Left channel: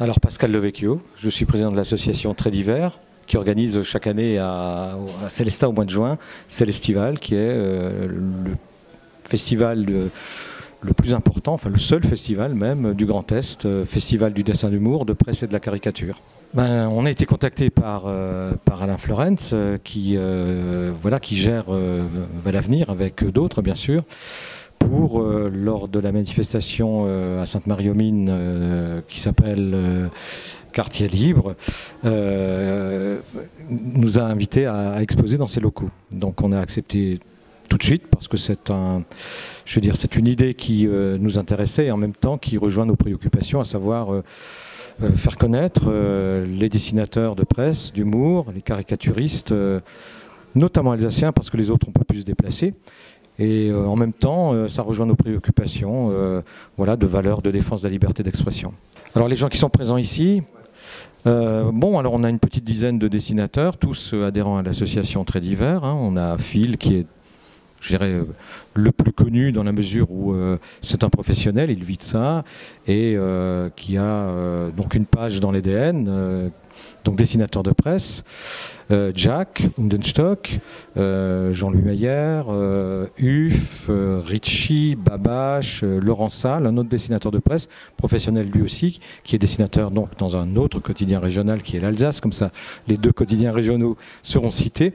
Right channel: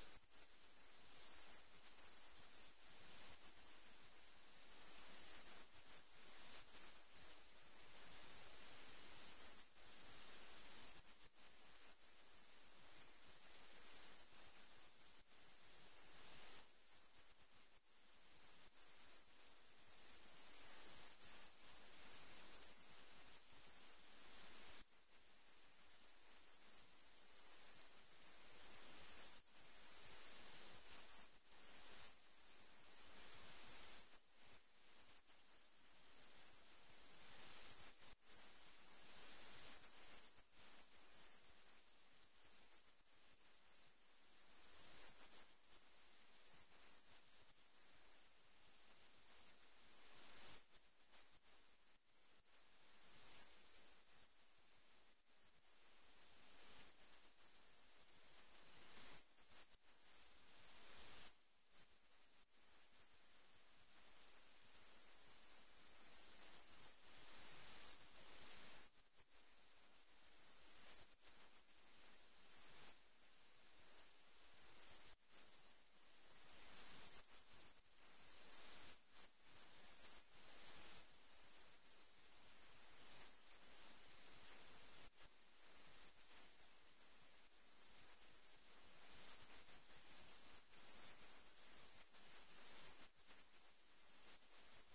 Alors Pascal Levecchio, je suis président de l'association Traits d'hiver qui organise chaque année à Célestat au mois de juin, Célestival, qui est le festival le plus important, enfin le seul festival même du Grand Est, festival du dessin d'humour, de presse et de la caricature. On a été contacté par Alain Florenz qui gère l'avenir avec d'autres bien sûr, pour, lors de la manifestation à Sainte-Marie-aux-Mines qui s'appelle Quartier Libre, nous a invités à exposer dans ses locaux. Donc on a accepté tout de suite parce que c'est une idée qui nous intéressait et en même temps qui rejoint nos préoccupations, à savoir faire connaître les dessinateurs de presse, d'humour, les caricaturistes, notamment alsaciens parce que les autres n'ont pas pu se déplacer. Et en même temps, ça rejoint nos préoccupations de valeurs de défense de la liberté d'expression. Alors les gens qui sont présents ici, alors on a une petite dizaine de dessinateurs, tous adhérents à l'association Traits d'hiver. On a Phil qui est, je dirais, le plus connu dans la mesure où c'est un professionnel, il vit de ça, et qui a donc une page dans l'EDN, donc dessinateur de presse. Jack Undenstock, Jean-Louis Mayer, Huff, Ritchie, Babache, Laurent Salle, un autre dessinateur de presse, professionnel lui aussi, qui est dessinateur donc dans un autre quotidien régional qui est l'Alsace, comme ça les deux quotidiens régionaux seront cités.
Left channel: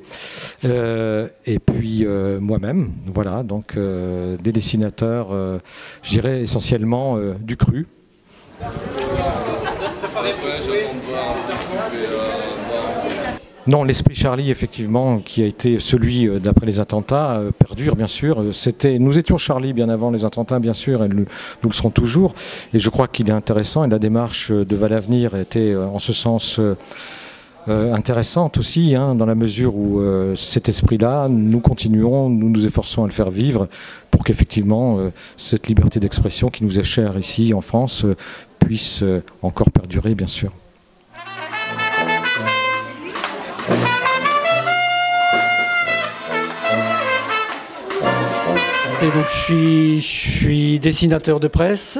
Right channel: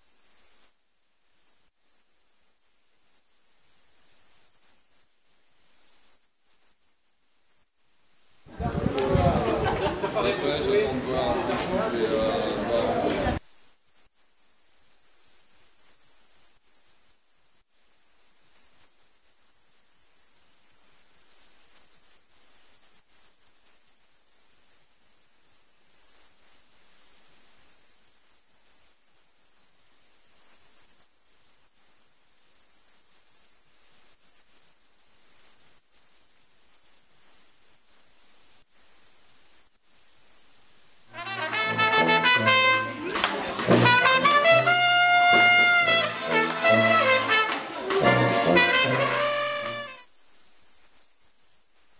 Et puis moi-même, voilà, donc des dessinateurs, je dirais essentiellement du cru. Non, l'esprit Charlie, effectivement, qui a été celui d'après les attentats, perdure, bien sûr. Nous étions Charlie bien avant les attentats, bien sûr, et nous le serons toujours. Et je crois qu'il est intéressant, et la démarche de Valavenir était en ce sens intéressante aussi, dans la mesure où cet esprit-là, nous continuons, nous nous efforçons à le faire vivre pour qu'effectivement cette liberté d'expression qui nous est chère ici en France puisse encore perdurer, bien sûr. Je suis dessinateur de presse.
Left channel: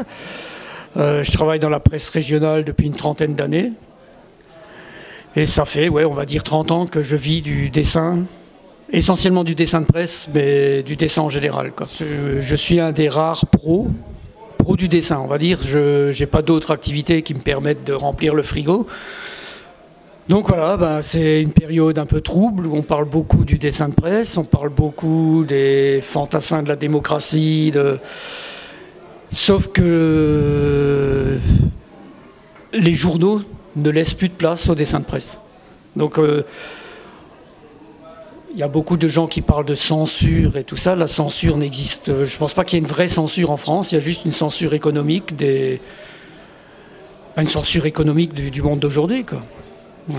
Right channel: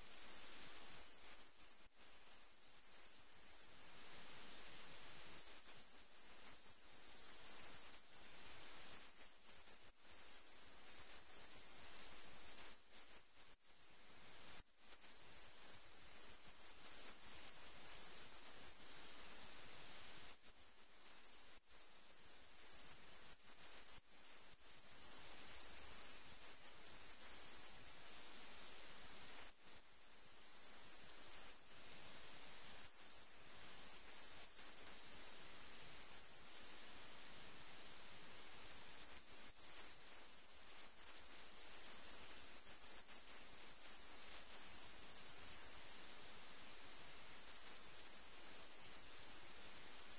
Je travaille dans la presse régionale depuis une trentaine d'années. Et ça fait, on va dire 30 ans que je vis du dessin, essentiellement du dessin de presse, mais du dessin en général, quoi. Je suis un des rares pros du dessin, on va dire. Je n'ai pas d'autres activités qui me permettent de remplir le frigo. Donc voilà, c'est une période un peu trouble où on parle beaucoup du dessin de presse, on parle beaucoup des fantassins de la démocratie, sauf que les journaux ne laissent plus de place au dessin de presse. Donc il y a beaucoup de gens qui parlent de censure et tout ça. La censure n'existe. Je ne pense pas qu'il y ait une vraie censure en France, il y a juste une censure économique une censure économique du monde d'aujourd'hui, quoi. Ouais.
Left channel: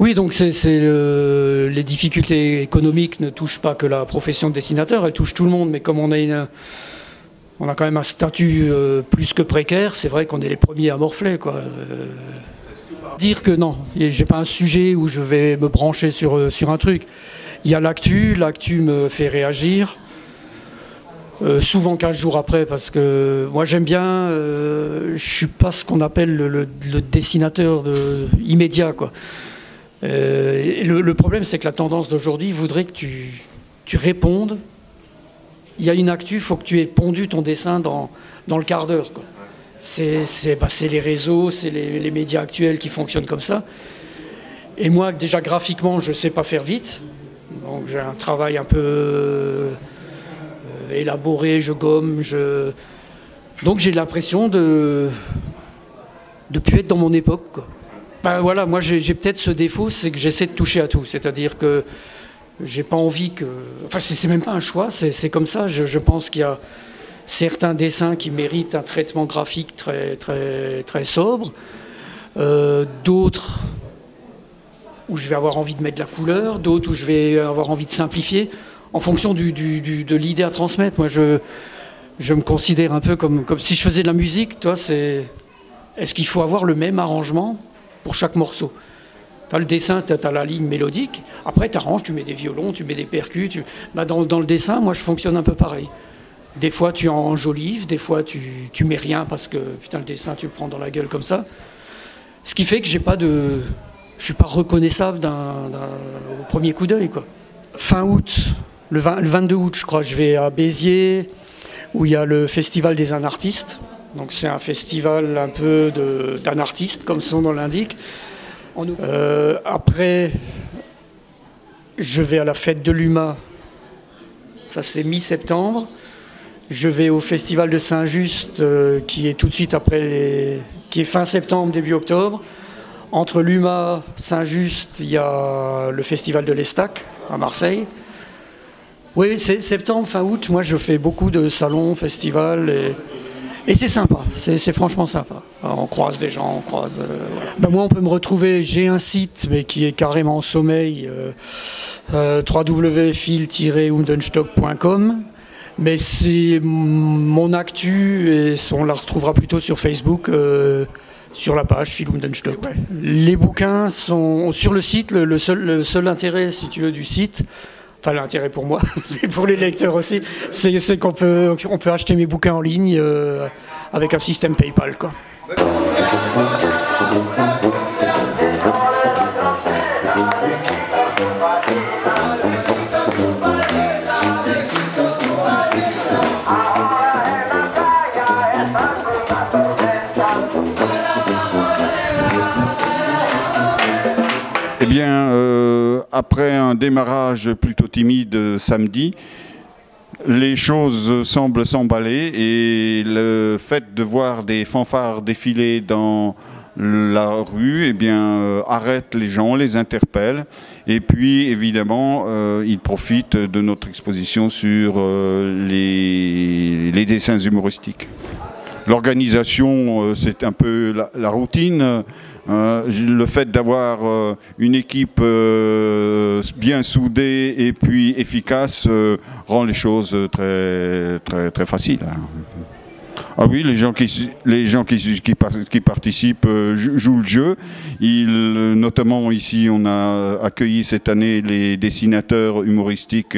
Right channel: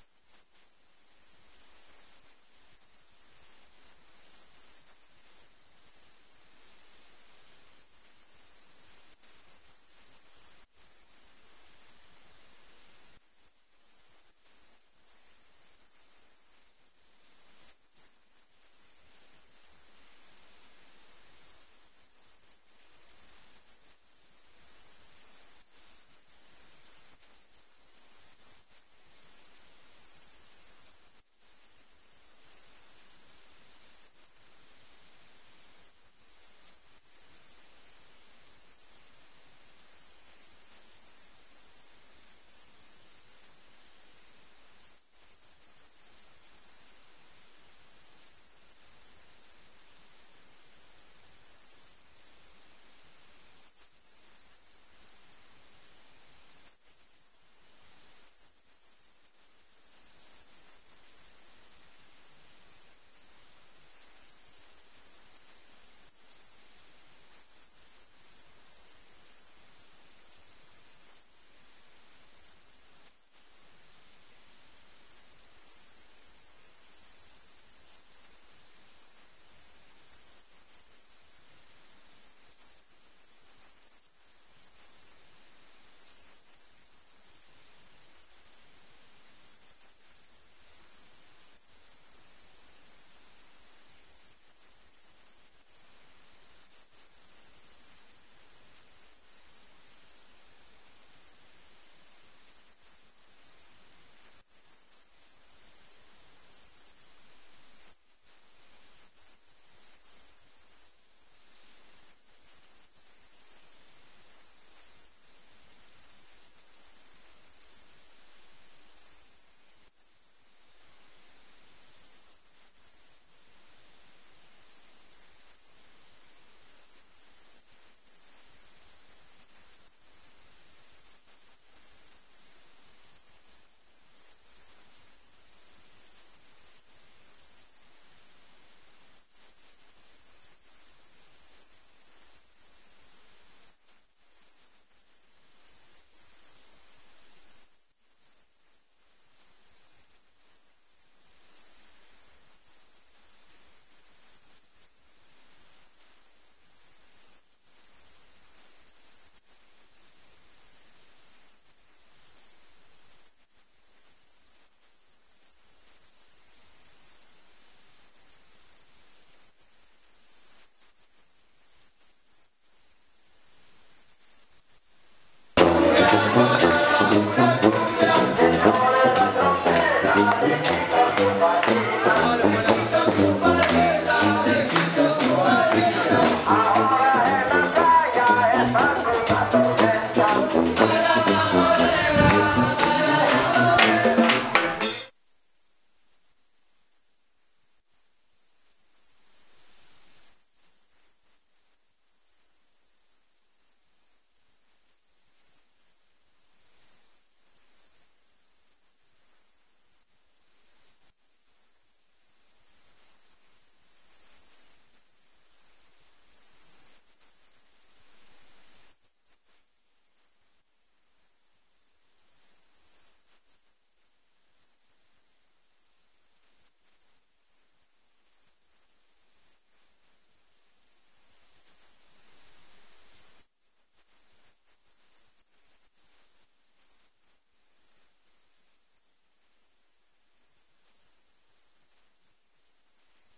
Oui, donc les difficultés économiques ne touchent pas que la profession de dessinateur, elles touchent tout le monde, mais comme on a quand même un statut plus que précaire, c'est vrai qu'on est les premiers à morfler, quoi. Dire que non, j'ai pas un sujet où je vais me brancher sur un truc. Il y a l'actu me fait réagir. Souvent 15 jours après, parce que moi j'aime bien, je suis pas ce qu'on appelle le dessinateur immédiat, quoi. Le problème, c'est que la tendance d'aujourd'hui voudrait que tu répondes. Il y a une actu, il faut que tu aies pondu ton dessin dans le quart d'heure, quoi. C'est les réseaux, c'est les médias actuels qui fonctionnent comme ça. Et moi, déjà graphiquement, je sais pas faire vite, donc j'ai un travail un peu élaboré, je gomme, donc j'ai l'impression de plus être dans mon époque, quoi. Voilà, moi j'ai peut-être ce défaut, c'est que j'essaie de toucher à tout, c'est-à-dire que j'ai pas envie que... Enfin, c'est même pas un choix, c'est comme ça. Je pense qu'il y a certains dessins qui méritent un traitement graphique très, très, très sobre, d'autres où je vais avoir envie de mettre de la couleur, d'autres où je vais avoir envie de simplifier, en fonction de l'idée à transmettre. Moi, je me considère un peu comme si je faisais de la musique. Toi, est-ce qu'il faut avoir le même arrangement pour chaque morceau? Tu as le dessin, tu as la ligne mélodique. Après, tu arranges, tu mets des violons, tu mets des percus. Dans le dessin, moi, je fonctionne un peu pareil. Des fois, tu enjolives, des fois, tu mets rien parce que putain, le dessin, tu le prends dans la gueule comme ça. Ce qui fait que je ne suis pas reconnaissable au premier coup d'œil, quoi. Fin août, le 22 août, je crois, je vais à Béziers, où il y a le Festival des Anartistes. Donc c'est un festival un peu d'anartistes, comme son nom l'indique. Après, je vais à la fête de l'UMA, ça c'est mi-septembre. Je vais au Festival de Saint-Just, qui est tout de suite après, qui est fin septembre, début octobre. Entre l'UMA, Saint-Just, il y a le Festival de l'Estac, à Marseille. Oui, c'est septembre, fin août. Moi, je fais beaucoup de salons, festivals, et c'est sympa. C'est franchement sympa. Alors, on croise des gens, on croise... voilà. Ben, moi, on peut me retrouver... J'ai un site, mais qui est carrément en sommeil, www.fil-undenstock.com. Mais c'est mon actu et on la retrouvera plutôt sur Facebook, sur la page Fil Undenstock. Ouais. Les bouquins sont sur le site. Le seul intérêt, si tu veux, du site, enfin l'intérêt pour moi, mais pour les lecteurs aussi, c'est qu'on peut acheter mes bouquins en ligne avec un système PayPal, quoi. Après un démarrage plutôt timide samedi, les choses semblent s'emballer et le fait de voir des fanfares défiler dans la rue, eh bien, arrête les gens, les interpelle. Et puis, évidemment, ils profitent de notre exposition sur les dessins humoristiques. L'organisation, c'est un peu la routine. Le fait d'avoir une équipe bien soudée et puis efficace rend les choses très, très, très faciles. Ah oui, les gens qui participent jouent le jeu. Notamment ici, on a accueilli cette année les dessinateurs humoristiques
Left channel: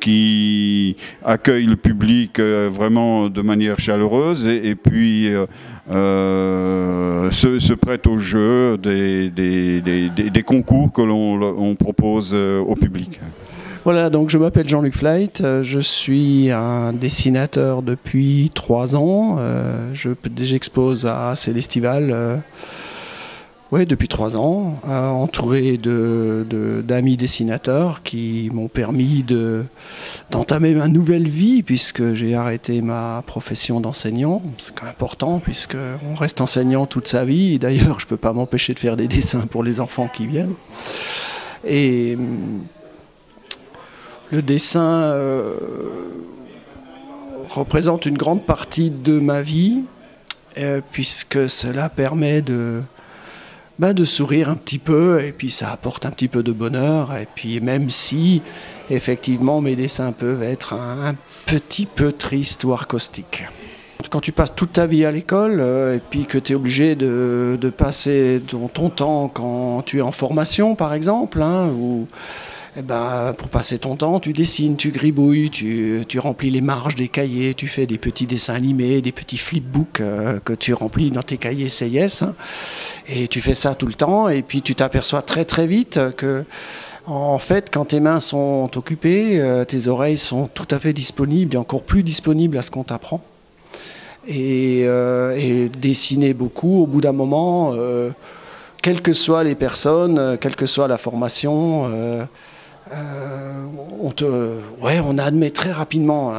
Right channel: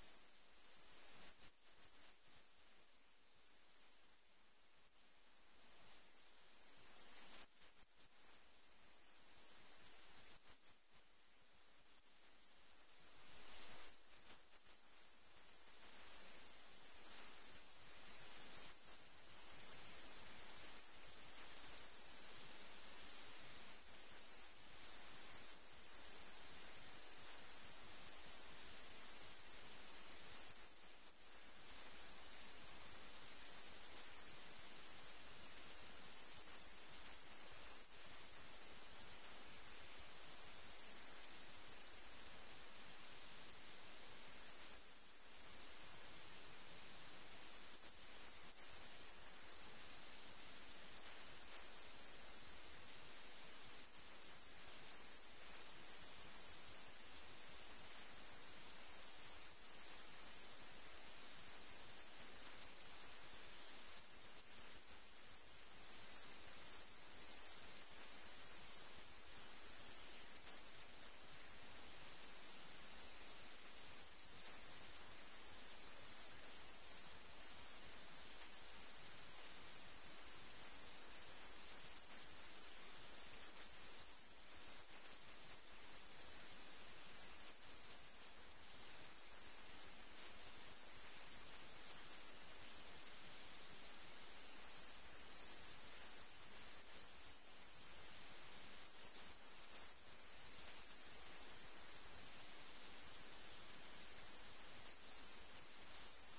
qui accueillent le public vraiment de manière chaleureuse et puis se prêtent au jeu des concours que l'on propose au public. Voilà, donc je m'appelle Jean-Luc Flight, je suis un dessinateur depuis 3 ans. J'expose à Célestival depuis 3 ans, entouré d'amis dessinateurs qui m'ont permis d'entamer ma nouvelle vie, puisque j'ai arrêté ma profession d'enseignant. C'est quand même important, puisqu'on reste enseignant toute sa vie. D'ailleurs, je ne peux pas m'empêcher de faire des dessins pour les enfants qui viennent. Et le dessin représente une grande partie de ma vie, puisque cela permet de sourire un petit peu, et puis ça apporte un petit peu de bonheur. Et puis même si, effectivement, mes dessins peuvent être un petit peu tristes ou caustiques. Quand tu passes toute ta vie à l'école, et puis que tu es obligé de passer ton temps quand tu es en formation, par exemple, ou... pour passer ton temps, tu dessines, tu gribouilles, tu remplis les marges des cahiers, tu fais des petits dessins animés, des petits flipbooks que tu remplis dans tes cahiers CIS. Et tu fais ça tout le temps, et puis tu t'aperçois très très vite que, en fait, quand tes mains sont occupées, tes oreilles sont tout à fait disponibles, et encore plus disponibles à ce qu'on t'apprend. Et dessiner beaucoup, au bout d'un moment, quelles que soient les personnes, quelle que soit la formation, on admet très rapidement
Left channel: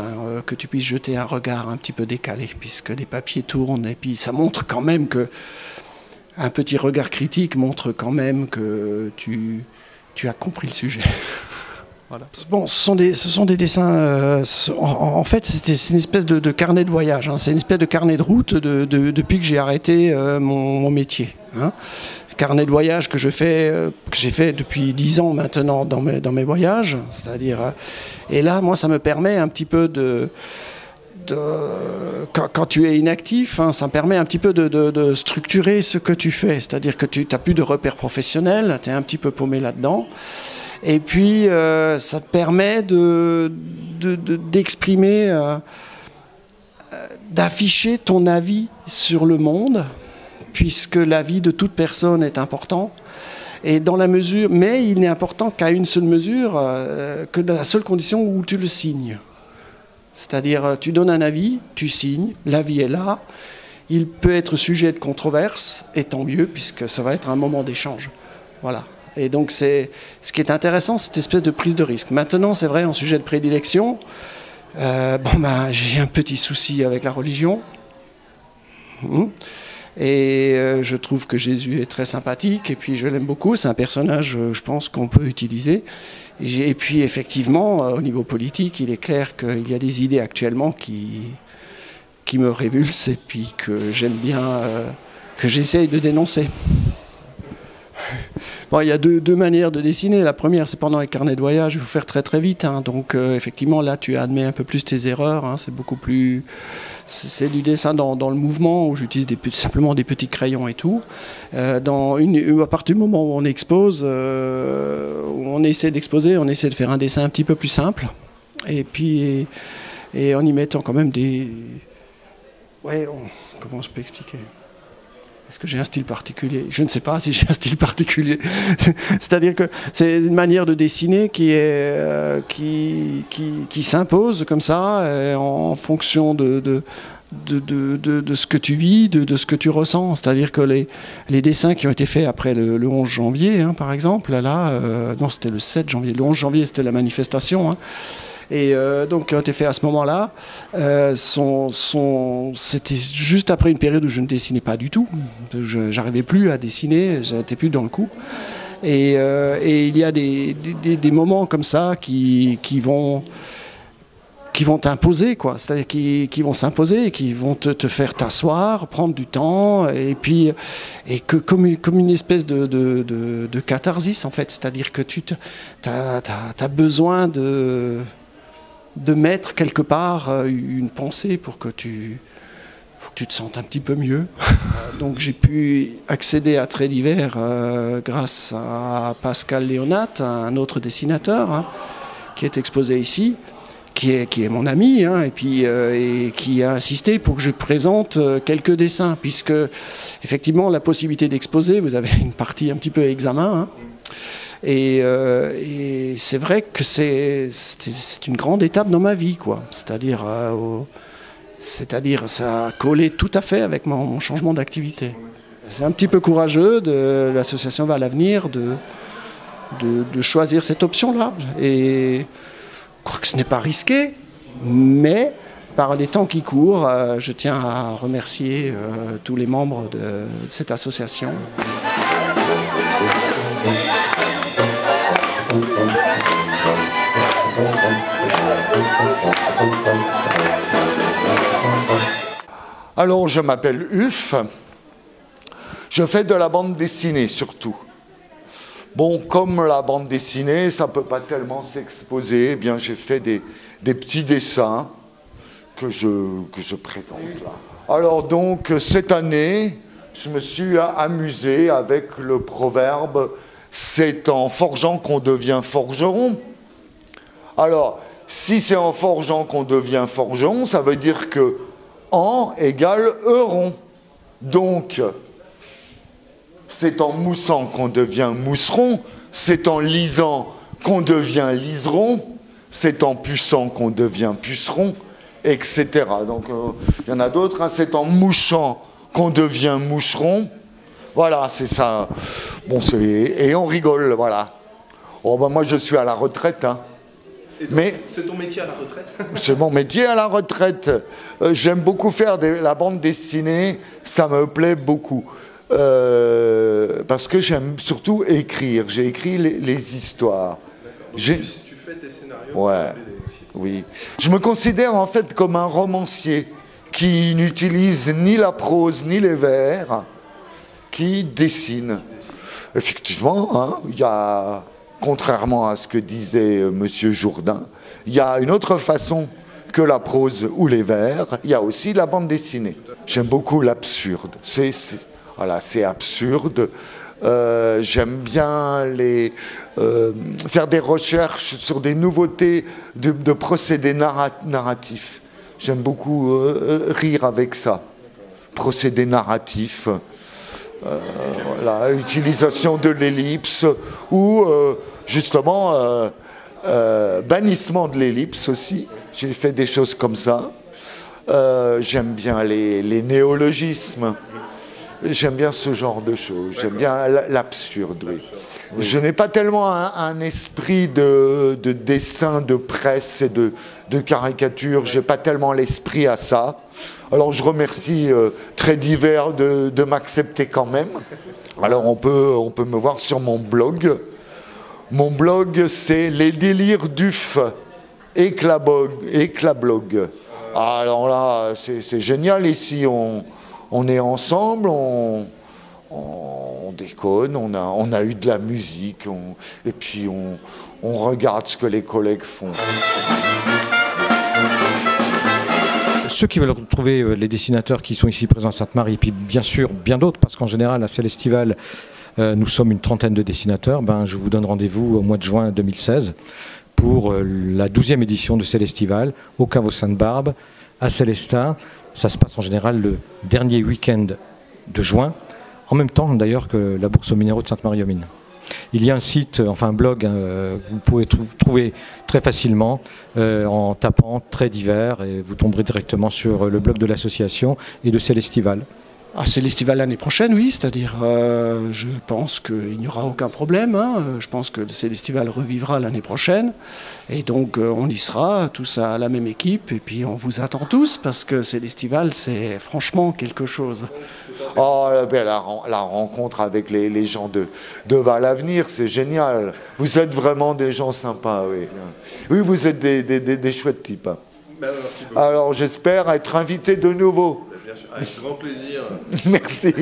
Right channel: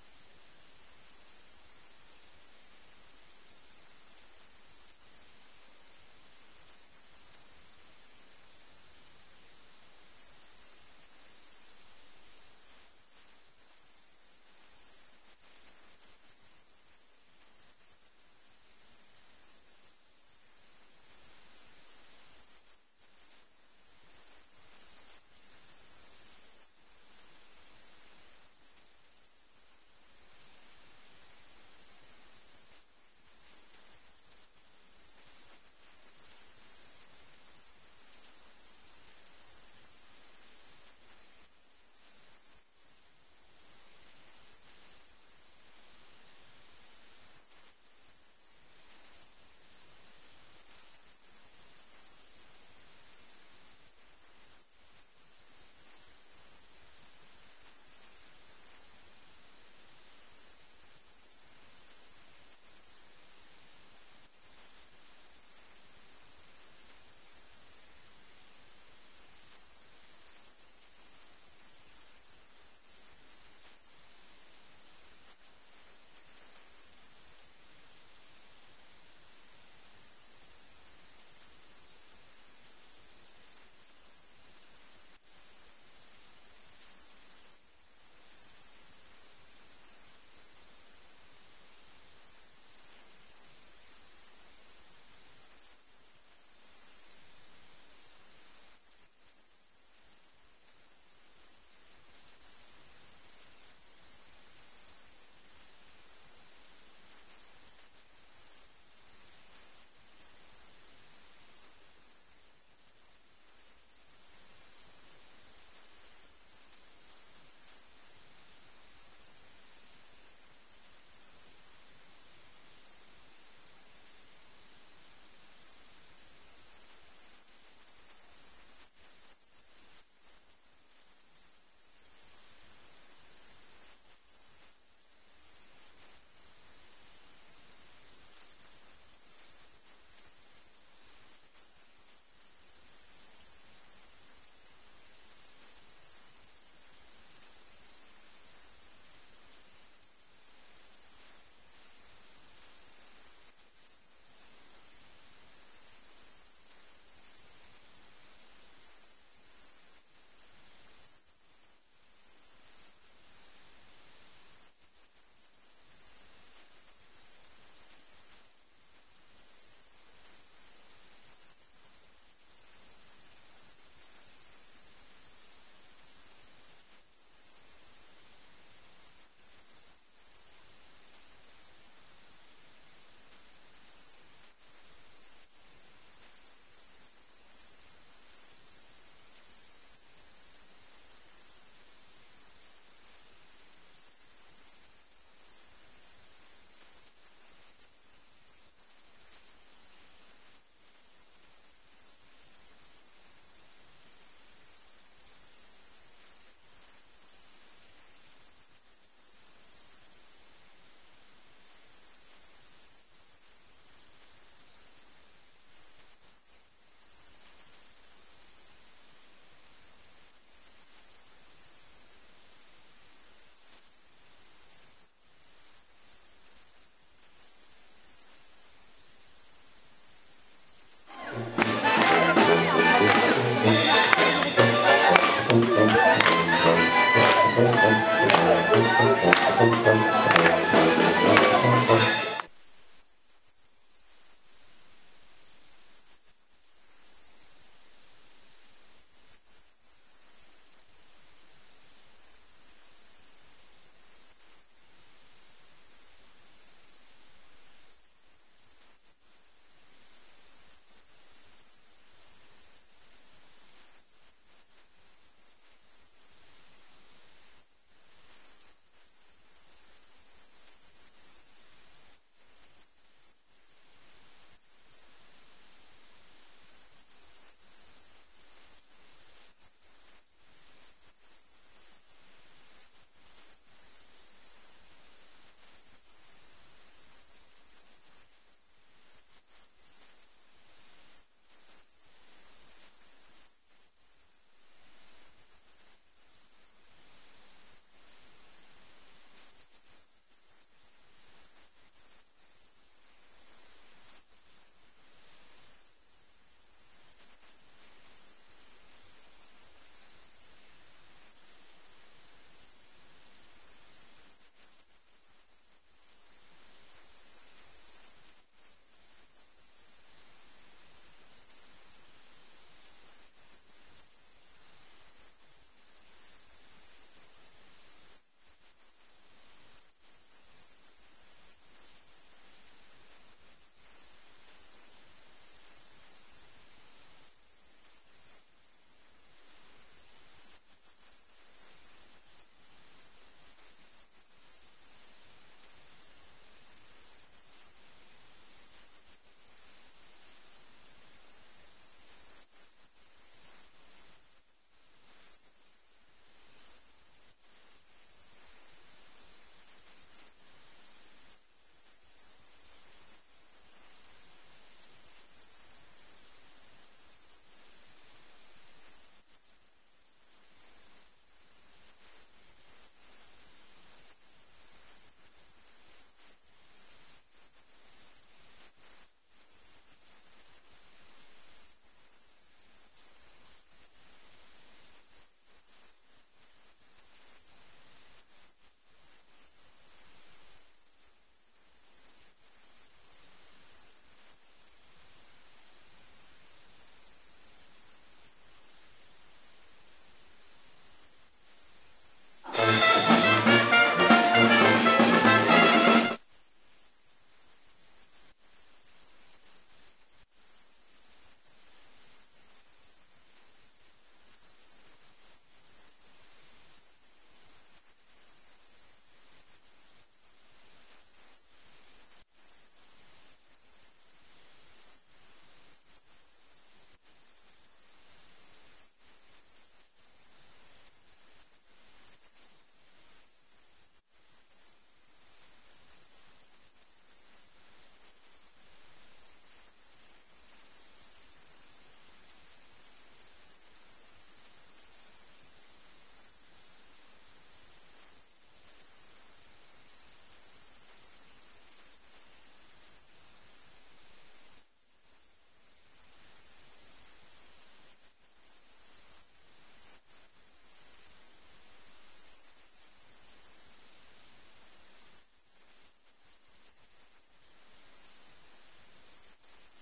que tu puisses jeter un regard un petit peu décalé, puisque les papiers tournent, et puis ça montre quand même que un petit regard critique montre quand même que tu as compris le sujet. Voilà. Bon, ce sont des dessins. En fait, c'est une espèce de carnet de voyage. C'est une espèce de carnet de route depuis que j'ai arrêté mon métier. Carnet de voyage que j'ai fait depuis 10 ans maintenant dans mes voyages, c'est-à-dire. Et là, moi, ça me permet un petit peu quand tu es inactif, ça me permet un petit peu de structurer ce que tu fais, c'est-à-dire que tu n'as plus de repères professionnels, tu es un petit peu paumé là-dedans. Et puis, ça te permet d'exprimer, d'afficher ton avis sur le monde, puisque l'avis de toute personne est important. Et dans la mesure, mais il n'est important qu'à une seule mesure, que dans la seule condition où tu le signes. C'est-à-dire, tu donnes un avis, tu signes, l'avis est là. Il peut être sujet de controverse, et tant mieux, puisque ça va être un moment d'échange. Voilà. Et donc, ce qui est intéressant, cette espèce de prise de risque. Maintenant, c'est vrai, en sujet de prédilection, j'ai un petit souci avec la religion. Et je trouve que Jésus est très sympathique, et puis je l'aime beaucoup. C'est un personnage, je pense, qu'on peut utiliser. Et puis, effectivement, au niveau politique, il est clair qu'il y a des idées actuellement qui me révulsent, et puis que j'aime bien, que j'essaye de dénoncer. Bon, il y a deux manières de dessiner. La première, c'est pendant les carnets de voyage, il faut faire très très vite. Donc, effectivement, là, tu admets un peu plus tes erreurs. C'est beaucoup plus... C'est du dessin dans le mouvement, où j'utilise simplement des petits crayons et tout. À partir du moment où on expose, où on essaie d'exposer, on essaie de faire un dessin un petit peu plus simple. Et puis, et en y mettant quand même des... Ouais, comment je peux expliquer ? Est-ce que j'ai un style particulier ? Je ne sais pas si j'ai un style particulier. C'est-à-dire que c'est une manière de dessiner qui s'impose comme ça, en fonction de ce que tu vis, de ce que tu ressens. C'est-à-dire que les dessins qui ont été faits après le 11 janvier, par exemple, non, c'était le 7 janvier. Le 11 janvier, c'était la manifestation. Et donc, qui ont été faits à ce moment-là, c'était juste après une période où je ne dessinais pas du tout. Je n'arrivais plus à dessiner, je n'étais plus dans le coup. Et il y a des moments comme ça qui vont t'imposer, quoi. C'est-à-dire qui vont s'imposer, qui vont te faire t'asseoir, prendre du temps, comme une espèce de catharsis, en fait. C'est-à-dire que tu as besoin de mettre quelque part une pensée pour que tu te sentes un petit peu mieux. Donc j'ai pu accéder à Traits divers grâce à Pascal Léonat, un autre dessinateur, qui est exposé ici, qui est mon ami, et qui a insisté pour que je présente quelques dessins, puisque effectivement la possibilité d'exposer, vous avez une partie un petit peu examen, et c'est vrai que c'est une grande étape dans ma vie, quoi. C'est-à-dire ça a collé tout à fait avec mon changement d'activité. C'est un petit peu courageux de l'association Val Avenir de choisir cette option-là. Et je crois que ce n'est pas risqué, mais par les temps qui courent, je tiens à remercier tous les membres de cette association. Alors, je m'appelle Uf. Je fais de la bande dessinée surtout. Bon, comme la bande dessinée, ça ne peut pas tellement s'exposer, eh bien j'ai fait des petits dessins que je présente là. Alors donc, cette année, je me suis amusé avec le proverbe « c'est en forgeant qu'on devient forgeron ». Alors, si c'est en forgeant qu'on devient forgeron, ça veut dire que « en » égale « euron ». Donc, c'est en moussant qu'on devient mousseron, c'est en lisant qu'on devient liseron, c'est en puçant qu'on devient puceron, etc. Donc, il y en a d'autres, c'est en mouchant qu'on devient moucheron. Voilà, c'est ça. Bon, et on rigole, voilà. Oh, ben moi, je suis à la retraite, Mais c'est ton métier à la retraite? C'est mon métier à la retraite. J'aime beaucoup faire la bande dessinée, ça me plaît beaucoup. Parce que j'aime surtout écrire. J'ai écrit les histoires. Donc, tu fais tes scénarios. Ouais, oui. Je me considère en fait comme un romancier qui n'utilise ni la prose ni les vers, qui dessine. Effectivement, il y a, contrairement à ce que disait M. Jourdain, il y a une autre façon que la prose ou les vers, il y a aussi la bande dessinée. J'aime beaucoup l'absurde. Voilà, c'est absurde. J'aime bien faire des recherches sur des nouveautés de procédés narratifs. J'aime beaucoup rire avec ça. Procédés narratifs, utilisation de l'ellipse ou justement bannissement de l'ellipse aussi. J'ai fait des choses comme ça. J'aime bien les néologismes. J'aime bien ce genre de choses. J'aime bien l'absurde. Oui. Je n'ai pas tellement un esprit de dessin, de presse et de caricature. Je n'ai pas tellement l'esprit à ça. Alors je remercie Très Divers de m'accepter quand même. Alors on peut me voir sur mon blog. Mon blog, c'est Les Délires d'UF, Éclablog. Alors là, c'est génial ici. On est ensemble, on déconne, on a eu de la musique, et puis on regarde ce que les collègues font. Ceux qui veulent retrouver les dessinateurs qui sont ici présents à Sainte-Marie, et puis bien sûr bien d'autres, parce qu'en général à Célestival, nous sommes une trentaine de dessinateurs, je vous donne rendez-vous au mois de juin 2016 pour la 12e édition de Célestival au Caveau Sainte-Barbe à Célestat. Ça se passe en général le dernier week-end de juin, en même temps d'ailleurs que la Bourse aux minéraux de Sainte-Marie-aux-Mines. Il y a un site, enfin un blog, que vous pouvez trouver très facilement en tapant Très Divers et vous tomberez directement sur le blog de l'association et de Célestival. Célestival l'année prochaine, oui, c'est-à-dire je pense qu'il n'y aura aucun problème. Je pense que le Célestival revivra l'année prochaine. Et donc on y sera, tous à la même équipe. Et puis on vous attend tous parce que Célestival, c'est franchement quelque chose. La rencontre avec les gens de Val-Avenir, c'est génial. Vous êtes vraiment des gens sympas, oui. Oui, vous êtes des chouettes types. Merci beaucoup. Alors j'espère être invité de nouveau. Avec grand plaisir. Merci.